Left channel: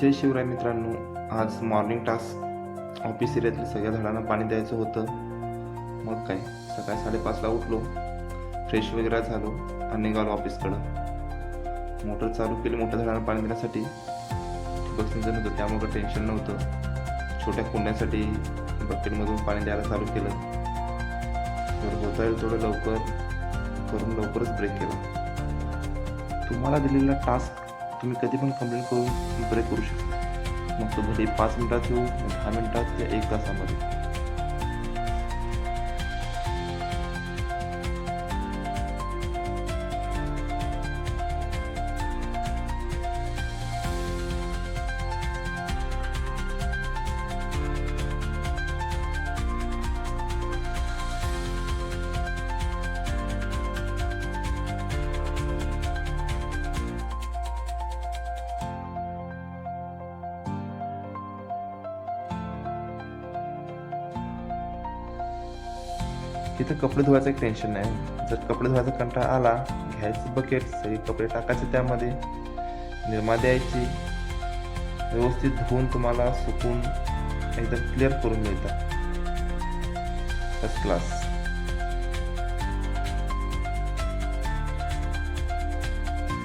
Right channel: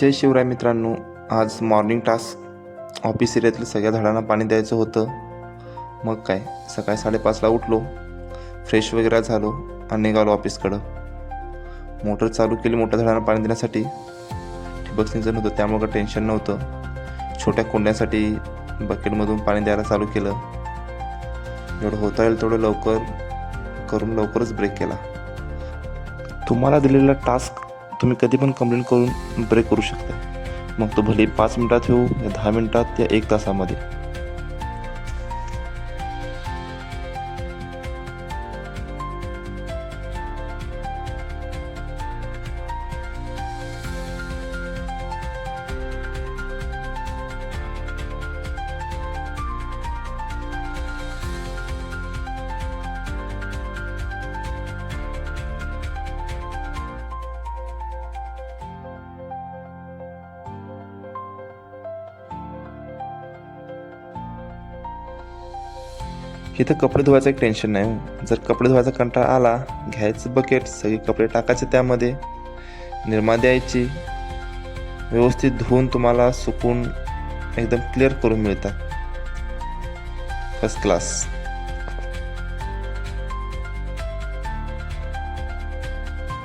जय शिवराय मित्रांनो आज morning task office एरियातील सगळ्या झाडांना पाणी द्यायचं होतं. मग काय? सकाळी साडेपाचला उठलो. फ्रेश वगैरे झालो आणि निघालो ऑफिसकडं मोटर चालू केली मोठ्या झाडांना पाणी देण्यासाठी. ठिबक सिंचन होतं त्यामुळं काही टेन्शन नव्हतं. छोट्या कुंड्यासाठी बकेटमधून पाणी द्यायला चालू केलं. जेवढं होता येईल तेवढं लवकर करून लवकरच ब्रेक केला. तुम्हाला दिलेला टास्क तुम्ही कधी पण कंप्लेंट करून ब्रेक करू शकता. मग तो भले पाच मिनिटात येऊ या दहा मिनिटात या एक तासामध्ये. इथं कपडे धुवायचं एक टेन्शन नाही. जर कपडे धुवायचा कंटाळा आला घ्यायचं बकेट सगळे कपडे टाकायचे त्यामध्ये. निरमा द्यायची. व्यवस्थित धुवून तुम्हाला सुकून एकदम क्लिअर करून मिळतात. First class